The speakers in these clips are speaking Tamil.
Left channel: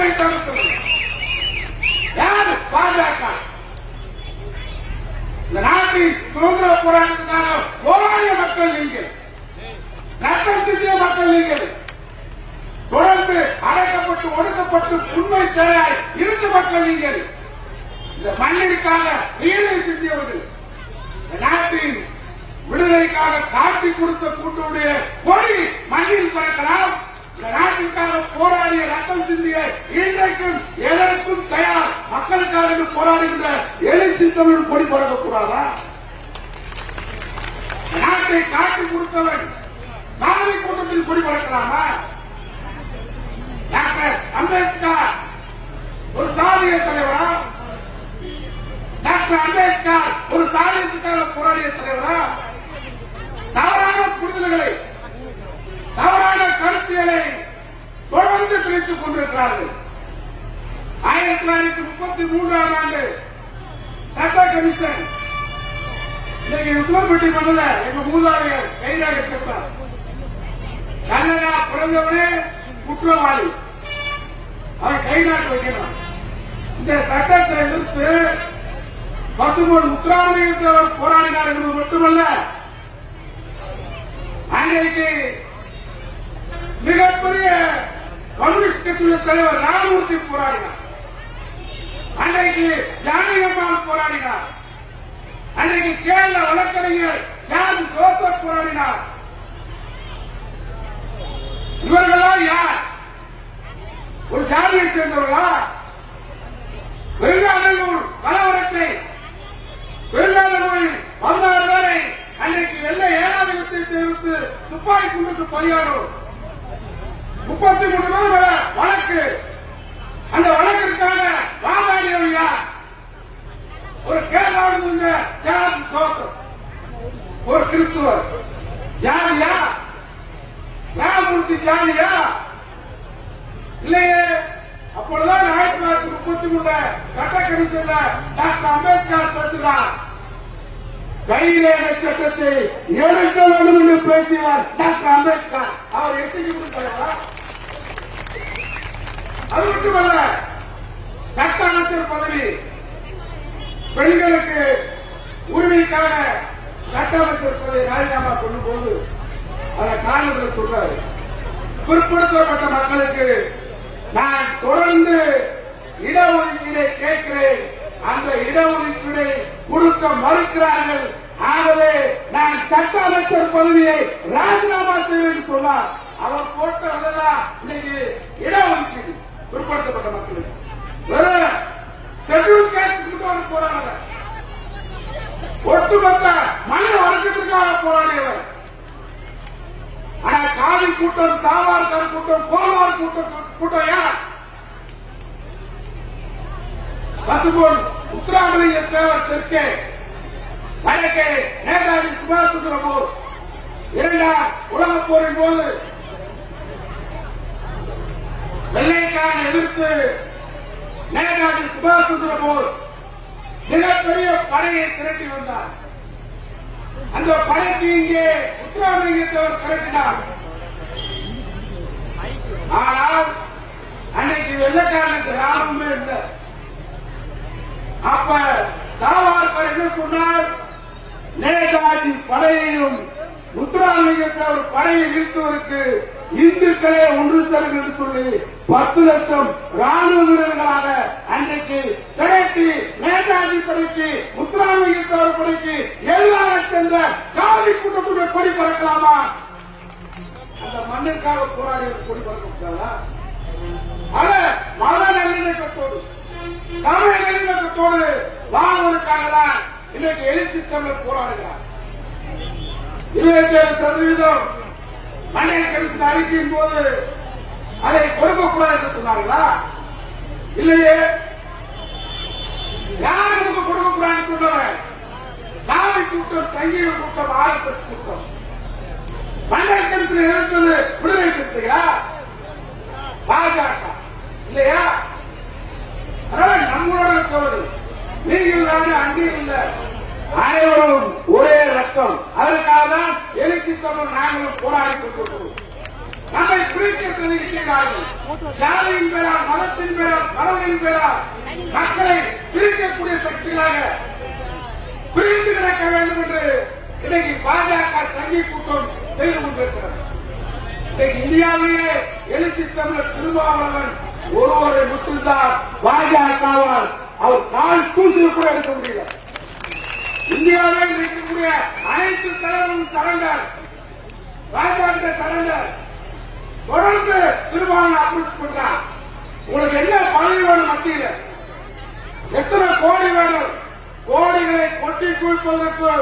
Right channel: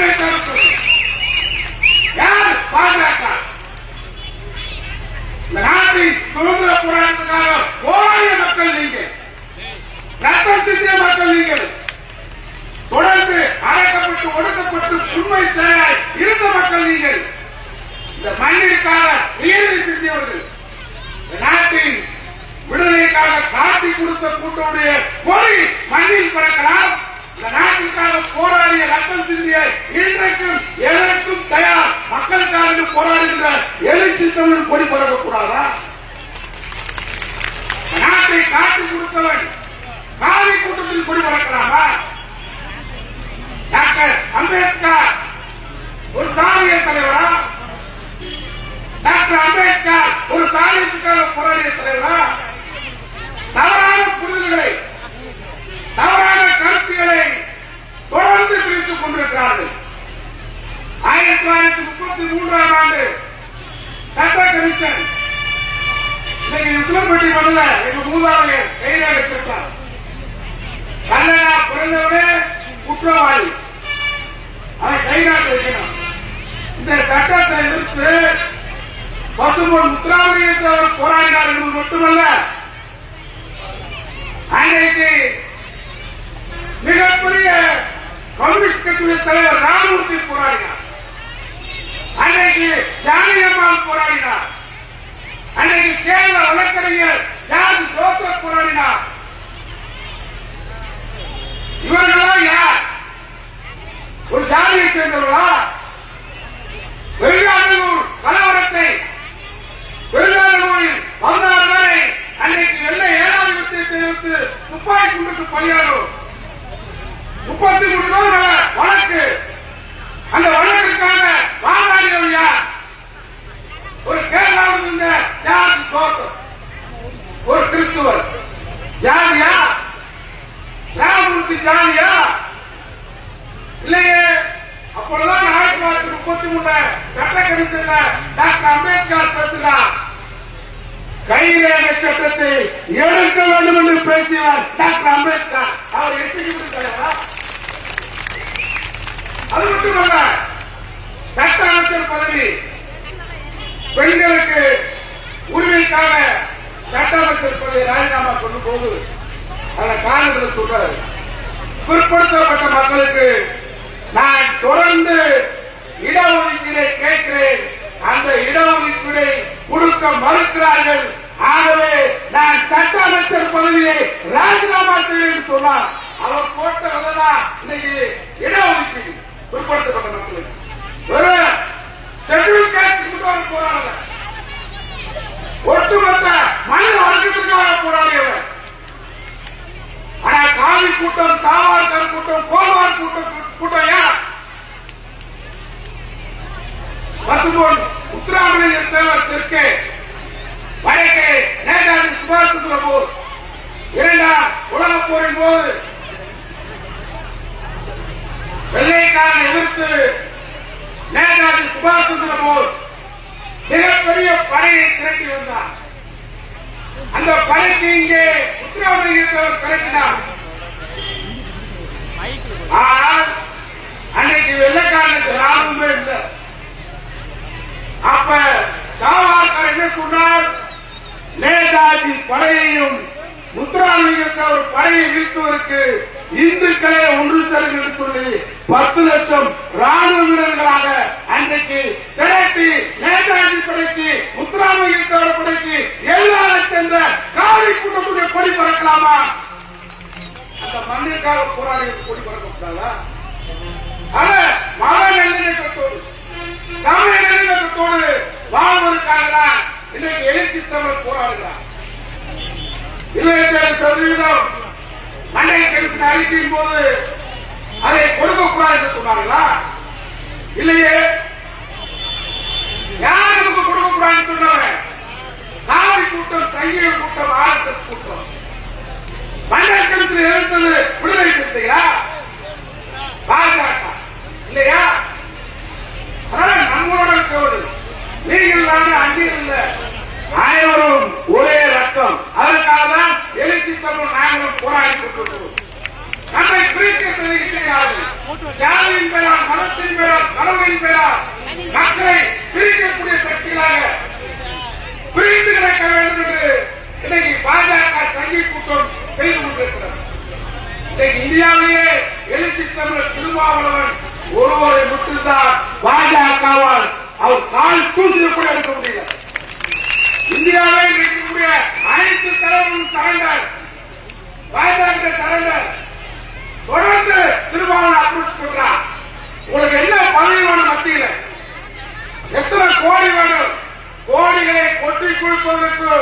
கருத்தை தடுத்தது யார் பாஜக இந்த நாட்டின் சுதந்திர போராட்டத்துக்காக போராடிய மக்கள் நீங்கள் ரத்தம் சிந்திய மக்கள் நீங்கள் தொடர்ந்து அழைக்கப்பட்டு ஒடுக்கப்பட்டு உண்மை தர இருந்த மக்கள் நீங்கள் இந்த மண்ணிற்காக உயிரை சிந்தியவர்கள் இந்த நாட்டின் விடுதலைக்காக காட்டி கொடுத்த கூட்டமுடைய கொடி மண்ணில் பறக்கலாம். ரத்தம் சிந்திய இன்றைக்கும் எதற்கும் தயார் மக்களுக்காக போராடுகின்ற எழுச்சி தமிழ் கொடி பரவக்கூடாதா நாட்டை காட்டி கொடுத்தவன் காவி கூட்டத்தில் கொடி பறக்கிறாரா டாக்டர் அம்பேத்கர் ஒரு சாதிய தலைவரா? டாக்டர் அம்பேத்கர் ஒரு சாதியத்துக்காக போராடிய தலைவரா? தவறான புரிதல்களை தொடர்ந்து தெரிவித்துக் கொண்டிருக்கிறார்கள். ஆயிரத்தி தொள்ளாயிரத்தி முப்பத்தி மூன்றாம் ஆண்டு சட்ட கமிஷன் இன்னைக்கு உசிலம்பட்டி பண்ணல எங்க மூதாதையர் கைதாக வச்சிருக்கார். கல்லடா பிறந்தவனே குற்றவாளி. அதை கைநாட்டு வைக்கணும் இந்த சட்டத்தை எதிர்த்து பசுமன் முத்துராமலிங்கத்தில் அவர் போராடினார் என்பது மட்டுமல்ல அன்றைக்கு மிகப்பெரிய கட்சியின் தலைவர் ராமமூர்த்தி போராடினார். அன்றைக்கு ஜானகம்மாள் போராடினார். அன்றைக்கு கேரள வழக்கறிஞர் ஜான் ஜோசப் போராடினார். இவர்களெல்லாம் யார்? ஒரு ஜாதியை சேர்ந்தவர்களா? வெள்ளாளூர் கலவரத்தை வெள்ளாளூரில் பதினாறு பேரை அன்றைக்கு வெள்ளை ஏழாதிபத்தியத்தை எதிர்த்து துப்பாக்கி குண்டுக்கு பலியானோர். முப்பத்தி மூணு பேர் வழக்கு அந்த வழக்கிற்காக வாதாடியவர் யார்? ஒரு கேரளாவில் இருந்த ஜார்ஜ் ஜோசப் ஒரு கிறிஸ்துவர். ஜாதியா ராமமூர்த்தி ஜாலியா? இல்லையே அப்பொழுதுதான் ஆயிரத்தி தொள்ளாயிரத்தி முப்பத்தி மூணு சட்ட கமிஷன்ல டாக்டர் அம்பேத்கர் பேசுகிறார். கைரேகை சட்டத்தை எடுக்க வேண்டும் என்று பேசினார் டாக்டர் அம்பேத்கர். அவர் எஸ்டி தலைவரா அது மட்டுமல்ல சட்ட அமைச்சர் பதவி பெண்களுக்கு உரிமைக்காக சட்ட அமைச்சர் பதவியை ராஜினாமா பண்ணும் போது அந்த காரணத்தில் சொல்றாரு. பிற்படுத்தப்பட்ட மக்களுக்கு நான் தொடர்ந்து இடஒதுக்கீடை கேட்கிறேன். அந்த இடஒதுக்கீடை கொடுக்க மறுக்கிறார்கள். ஆகவே நான் சட்ட அமைச்சர் பதவியை ராஜினாமா செய்வேன் சொன்னார். அவர் போட்ட இன்னைக்கு இடஒதுக்கீடு. பிற்படுத்தப்பட்ட மக்களுக்கு ஒரு ஷெட்யூல் கேஸ்ட் மட்டும் போராடுங்க ஒட்டுமொத்த மனித வர்க்கத்திற்காக போராடியவர் ஆனா காவி கூட்டம் சாவார்கர் கூட்டம் கோல்வார் கூட்டம் கூட்டம் யார்? பசுபொன் உத்தராமலிங்க தேவர் தெற்கே வடக்கே நேதாஜி சுபாஷ் சந்திர போஸ். இரண்டாம் உலகப் போரின் போது நான் எதிர்த்து நேதாஜி சுபாஷ் சந்திர போஸ் மிகப்பெரிய படையை திரட்டி வந்தார். அந்த படைக்கு இங்கே முத்துராமலிங்கத்தவர் திரட்டினார் ஆனால் அன்னைக்கு வெள்ளக்காரனுக்கு ராணுவமே இல்லை. அப்ப சாவார்கர் என்ன சொன்னார்? நேதாஜி படையையும் முத்துராமலிங்கத்தை ஒரு படையை வீழ்த்துவதற்கு இந்துக்களே ஒன்று சேரும் என்று சொல்லி பத்து லட்சம் ராணுவ வீரர்களாக அன்றைக்கு திரட்டி நேதாஜி படைக்கு முத்துராமலிங்கத்தவர் படைக்கு எதிராக சென்ற காவடி கூட்டத்துடைய கொடி பறக்கலாமா? அந்த மண்ணிற்காக போராடி கொடி பறக்கப்பட்டாங்களா ஆக மத நல்லிணக்கத்தோடு தமிழ் நல்லிணக்கத்தோடு வாழ்வதற்காக தான் இன்றைக்கு எழுச்சி தமிழர் போராடுகிறார். இருபத்தி ஏழு சதவீதம் மண்டல கமிஷன் அறிக்கையின் போது அதை கொடுக்க கூடாது என்று சொன்னார்களா? இல்லையே. யார் நமக்கு கொடுக்க கூடாதுன்னு சொன்னவன் காவடி கூட்டம் சங்கீத கூட்டம் ஆர் எஸ் எஸ் கூட்டம். மண்டல கமிஷன் எதிர்த்தது விடுதலை சிறுத்தைகள் பாஜக இல்லையா அதனால நம்மளோட இருக்கவர் நீங்கள் வந்து அங்கீர் இல்ல அனைவரும் நாங்களும் போராடி கொண்டிருக்கிறோம். நம்மை பிரித்து செய்கிறார்கள் ஜாதியின் பெயரால் மதத்தின் பெயரால் கடவுளின் பெயரால் மக்களை பிரிக்கக்கூடிய சக்திகளாக பிரிந்து கிடக்க வேண்டும் என்று இன்னைக்கு பாஜக சங்கி கூட்டம் செய்து கொண்டிருக்கிறது. இன்னைக்கு இந்தியாவிலேயே எழுச்சி தமிழர் திருமாவளவன் ஒருவரை மட்டும்தான் பாஜகவால் அவர் கால் தூசியை கூட எடுக்க முடியல. இந்தியாவில் இருக்கக்கூடிய அனைத்து தலைவரும் சரண்டர் ராஜாங்க தலைவர் தொடர்ந்து திருமாவளவன் அப்ரோச் பண்றான் உங்களுக்கு என்ன பதவி வேணும் மத்தியில? எத்தனை கோடி வேணும்? கோடிகளை கொட்டி குழுப்பதற்கு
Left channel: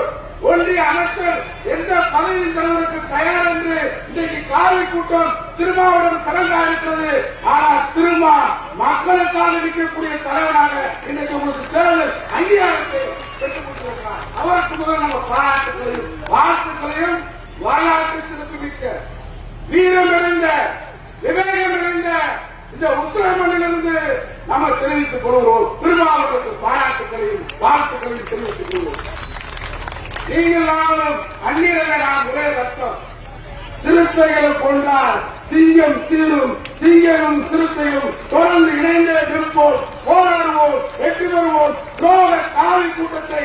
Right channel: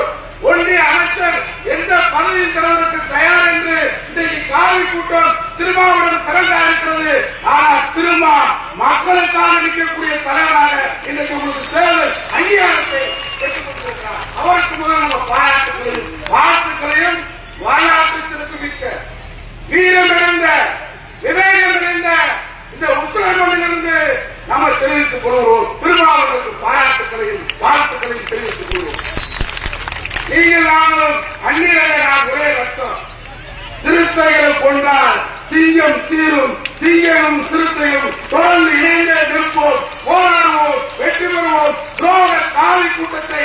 ஒன்றிய அமைச்சர் எந்த பதவியும் தருவதற்கு தயார் என்று இன்றைக்கு காவி கூட்டம் திருமாவளவன் சிறந்தா இருக்கிறது ஆனால் திருமா மக்களுக்காக நிற்கக்கூடிய தலைவராக இன்றைக்கு உங்களுக்கு தேர்தல் அங்கீகாரத்தை பெற்றுக் கொடுத்திருக்கிறார். அவருக்கு முதல் நம்ம பாராட்டுகளையும் வாழ்த்துக்களையும் வாயாட்டு சிறப்பு மிக்க வீரம் இழந்த விவேகம் இழந்த இந்த உத்தரமணிலிருந்து நம்ம தெரிவித்துக் கொள்கிறோம். திருமாவளவனுக்கு பாராட்டுகளையும் வாழ்த்துக்களையும் தெரிவித்துக் கொள்வோம் நீங்கள் நாங்களும் அந்நியர்கள் நாம் ஒரே ரத்தம். சிறுத்தைகள் கொண்டால் சிங்கம் சீரும் சிங்கமும் சிறுத்தையும் தொடர்ந்து இணைந்தே நிற்போம். போராடுவோம் வெற்றி பெறுவோம். துரோக காவி கூட்டத்தை